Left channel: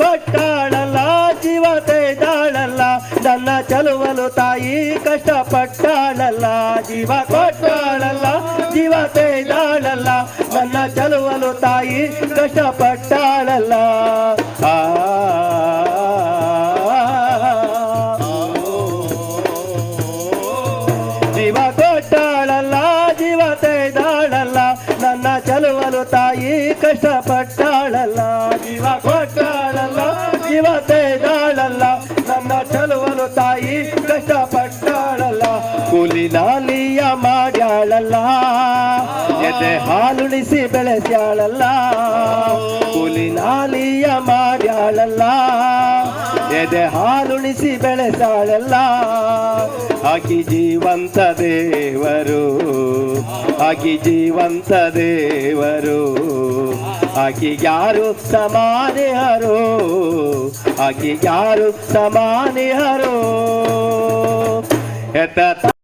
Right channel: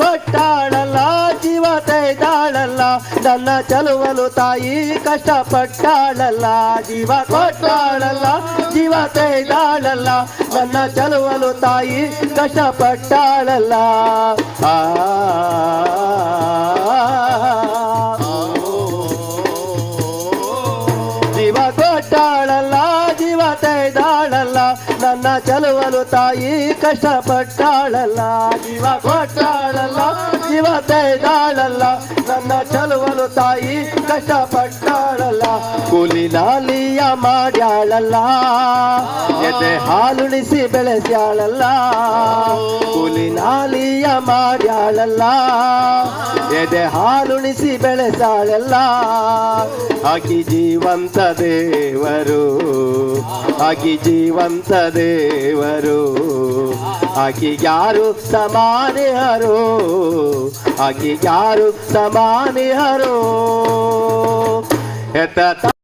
ಕೊಟ್ಟಾಳಲ್ಲ ಜೀವ ತೆಯ್ದಾಳಲ್ಲ ನನ್ನ ಚೆಲುವಲು ತಾಯಿ ಕಷ್ಟಪಟ್ಟಾಳಲ್ಲ ಜೀವ ಕೊಟ್ಟಾಳಲ್ಲ ಜೀವ ತೆಯ್ದಾಳಲ್ಲ ನನ್ನ ಚೆಲುವಲು ತಾಯಿ ಕಷ್ಟಪಟ್ಟಾಳಲ್ಲ ಜೀವ ಕೊಟ್ಟಾಳಲ್ಲ ಜೀವ ತೆಯ್ದಾಳಲ್ಲ ನನ್ನ ಚೆಲುವಲು ತಾಯಿ ಕಷ್ಟಪಟ್ಟಾಳಲ್ಲ ಜೀವ ಕೊಟ್ಟಾಳಲ್ಲ ಜೀವ ತೆಯ್ದಾಳಲ್ಲ ನನ್ನ ಚೆಲುವಲು ತಾಯಿ ಕಷ್ಟಪಟ್ಟಾಳಲ್ಲ ಕೂಲಿ ನಾಲಿಯ ಮಾಡ್ಯಾಳಲ್ಲ ಎದೆ ಹಾಲುಣಿಸಿ ಬೆಳೆಸ್ಯಾಳಲ್ಲ ಕೂಲಿ ನಾಲಿಯ ಮಾಡ್ಯಾಳಲ್ಲ ಎದೆ ಹಾಲುಣಿಸಿ ಬೆಳೆಸಾಳಲ್ಲ ಆಕಿ ಜೀವಂತ ದೇವರು ಆಕಿ ಜೀವಂತ ದೇವರು ಆಕಿ ಯಾರು ಸಮಾನಿಹರು ಆಕಿ ಯಾರು ಸಮಾನಿಹರು